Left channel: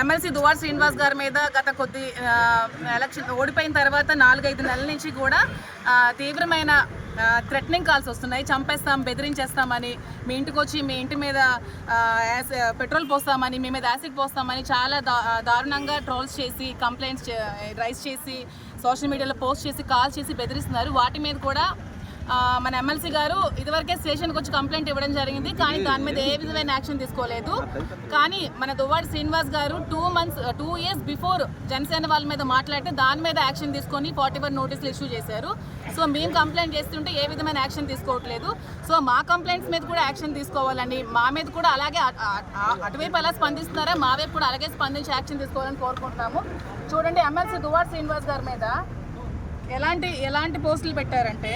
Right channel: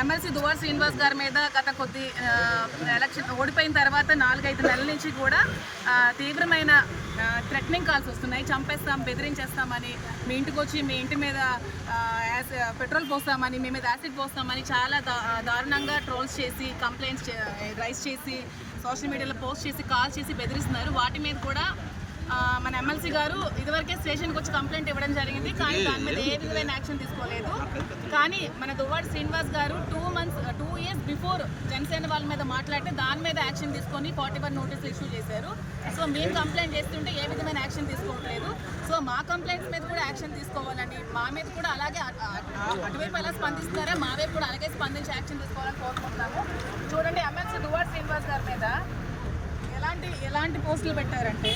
MLC Duvvada Srinivas గారి మీద గత కొద్ది ఎలక్షన్ ఓడిపోయిన తర్వాత 4-5 నెలల నుంచి కూడా తీవ్రమైన థ్రెటనింగ్ కాల్స్ వస్తున్నాయి. చంపేస్తాం, బెదిరించేస్తామని, మీ ఇంటికి వచ్చి మీ ఇంటి మీద పెట్రోల్ పోస్తామని, మీ మీద యాసిడ్ పోస్తామని చాలా దారుణంగా ట్రోల్స్ చేసి, కంప్లైంట్స్ రైజ్ చేసి, సోషల్ మీడియాలో పోస్ట్ చేసి, కాల్ చేసి బెదిరిస్తున్నారు. వాటి మీద కూడా మన ఎమ్మెల్సీ గారు ఇదివరకే స్టేషన్కి వచ్చి కంప్లైంట్ ఇవ్వడం జరిగింది. కానీ దాని మీద ఏ విధమైన యాక్షన్ తీసుకోలేదు. కానీ మన దువ్వాడ శ్రీనివాస్ గారు 2 ఇయర్స్ బిఫోర్ జనసేన వాళ్ళ మీద మాట్లాడితే దాని మీద యాక్షన్ తీసుకొని 41 నోటీసులు ఇష్యూ చేశారు. సో మేము కంప్లైంట్ చేస్తుంటే ఏ విధమైన యాక్షన్ తీసుకోవట్లేదు. సో మా కంప్లైంట్స్ మీద కూడా యాక్షన్ తీసుకోవాలని, మా మీద కూడా అలాగే అటువైపు ఎలా స్పందిస్తున్నారా మా వైపు కూడా అలాగే స్పందించి యాక్షన్ తీసుకోవాలని కోరుకుంటున్నాము. చూడండి, ఎమ్మెల్సీ దువ్వాడ శ్రీనివాస్ గారి మీద ఎలాంటి పోస్టులు పెట్టారంటే,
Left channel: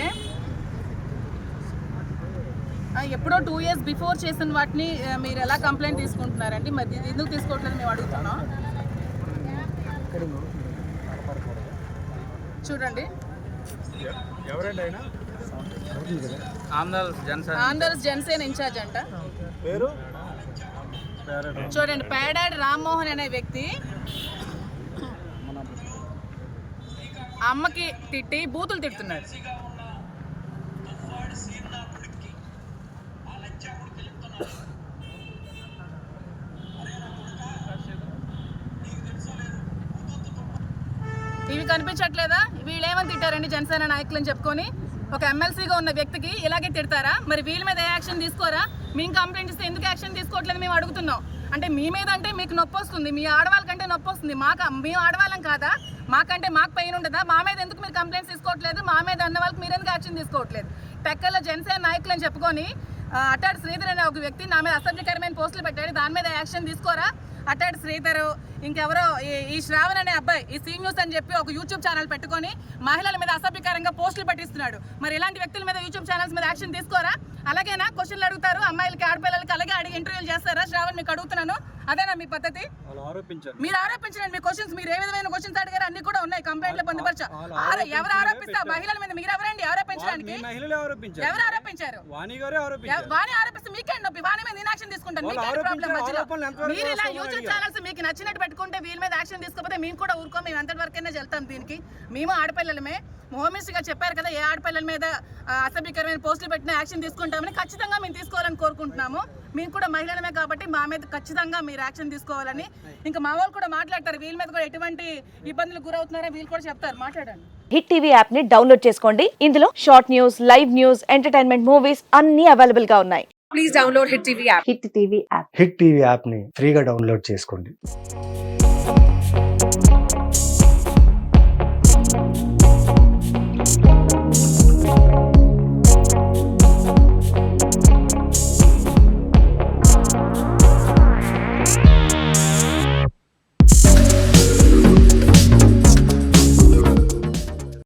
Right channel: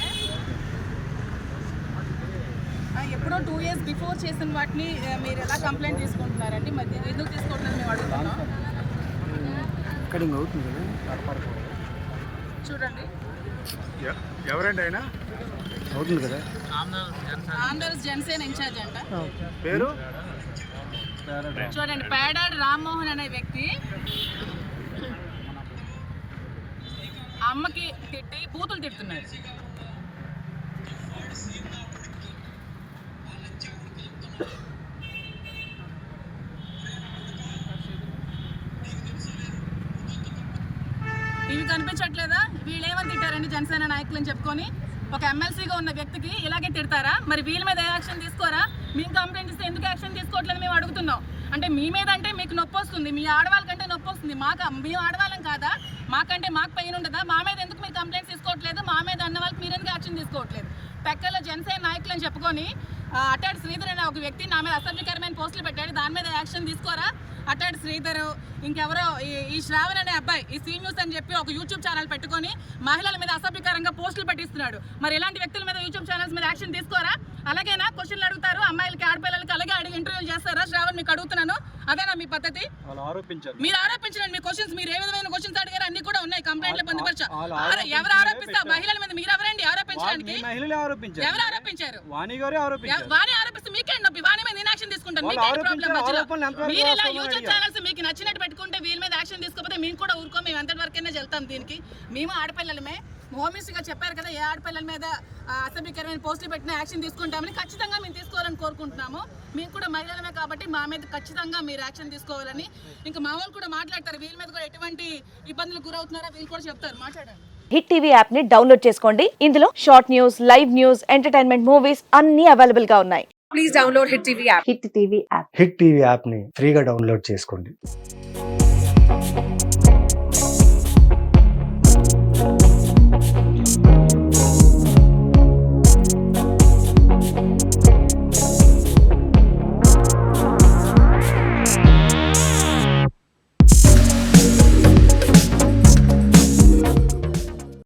ఎప్పుడో 2 ఇయర్స్ బిఫోర్ చేసిన వాటిని మీరు ఎలా కంప్లైంట్ తీసుకుంటున్నారండి? మరి ఎందుకు తీసుకోవట్లేదు మేము అడుగుతున్నాం. చూడండి, ఆంధ్రప్రదేశ్ జనసేన ఇన్ఛార్జ్ అంట పేరు. చూడండి, పేడాడి రామ్మోహన్ అనే వ్యక్తి అమ్మకి తిట్టి బూతులు తిడుతున్నాడు. ఇవి కనిపించట్లేదా? వీళ్ళు ఏమని తిట్టారండి జనసేన నాయకులని చెప్పుకొని? ఒక ఎమ్మెల్సీగా ఉన్న వ్యక్తికి ఇలాగే తిడతారా? మరి వీళ్ళ మీద ఏ యాక్షన్ తీసుకోరా? మేము కంప్లైంట్ ఇస్తే ఎందుకు యాక్షన్ తీసుకోవట్లేదు మేము అడుగుతున్నాం. అంటే మీ మీద అంటే మీకు నొప్పి వస్తుంది, మీ ఆడవాళ్ళకంటే నొప్పి వస్తుంది, మేము ఆడవాళ్ళం కాదా? మాకంటే మాకు పెయిన్ ఉండదా? మా మీద ఎందుకు మీరు కంప్లైంట్స్ తీసుకోవట్లేదు? మా మీద ఉన్న వాళ్ళకి మీరు ఎందుకు యాక్షన్ తీసుకోవట్లేదు? టెక్కల్లో జనసేన నాయకులు అని చెప్పుకొని అట్టాడు శ్రీధర్ అనే ఒక వ్యక్తి నా మీద అసభ్యకరమైన పోస్టులు పెట్టాడు. దాని మీద యాక్షన్ తీసుకోరా? అట్టాడు శ్రీధర్, ఇంకెవరో ఈ శ్రావణ్ అనే అబ్బాయి ఈ సీ న్యూస్ అని చెప్పి ఒక యూట్యూబ్ ఛానల్ పెట్టుకొని మహిళల మీద అసభ్యకరంగా పోస్టులు పెట్టిస్తున్నాడు. మరి ఇలాంటి వ్యక్తుల మీద యూట్యూబ్ ఛానల్స్ మీద యాక్షన్ తీసుకోరా? అలాగేనా క్వశ్చన్లు అడుగుతారు అమ్మాయిలకి, ఆడపిల్లలకి అలాగే అడిగి ఇంటర్వ్యూలు చేస్తారా? శ్రావణ్, మీకు అడుగుతున్నాను, అదేనా మీ పద్ధతి? మీరు ఆరోపించండి. మీ క్వశ్చన్స్, మీరు ఏ విధమైన క్వశ్చన్స్ అడిగారు అన్ని కూడా ఉన్నాయి కంప్లైంట్ లో పొందుపరచా. ఎవరు ఆరోపిస్తారు? మహిళల మీద మీరు ఎవరండి ఆరోపించడానికి? ఎవరు ఆరోపించారు? వాణి ఆరోపిస్తే మీకేంటి నొప్పి? వాణి మీద నేను యాక్షన్ తీసుకుంటాను, మీకేంటి ప్రాబ్లం మధ్యలో? మీరు ఇలా యూట్యూబ్ ఛానల్స్ మీకు నచ్చినట్టు పెట్టుకుంటే వీళ్ళ మీద యాక్షన్ తీసుకోకపోతే మేము కూడా ఊరుకో, మేము ఎంతటి వరకైనా వెళ్తాం. దీనికి మేము ఆడపిల్లలమే. హోమ్ మినిస్టర్ గారు చెప్పారు కదా, ఏ ఆడపిల్లల మీద అసభ్యకరమైన పోస్టులు పెట్టిన యాక్షన్ తీసుకుంటామని. ఖచ్చితంగా మేము తీసుకోవాలని కోరుకుంటున్నాము. మేము కూడా మహిళలమే కాబట్టి మా మీద ఖచ్చితంగా మీరు యాక్షన్ తీసుకోవాలని. ఇంకా మా వాళ్ళు కూడా మాట్లాడతారు, వీళ్ళ మీద కూడా ఎటువంటి ఇబ్బందులు గురవుతున్నారో వీళ్ళు కూడా చెప్తారు. మాట్లాడండి. హిట్ టీవీ యాప్ ని డౌన్లోడ్ చేసుకోండి. ఇందులో short news, live news, entertainment movies అన్ని అవైలబుల్ గా ఉన్నాయి. Please download hit TV app. Hit TV app ని ఫ్రీగా డౌన్లోడ్ చేసుకోండి.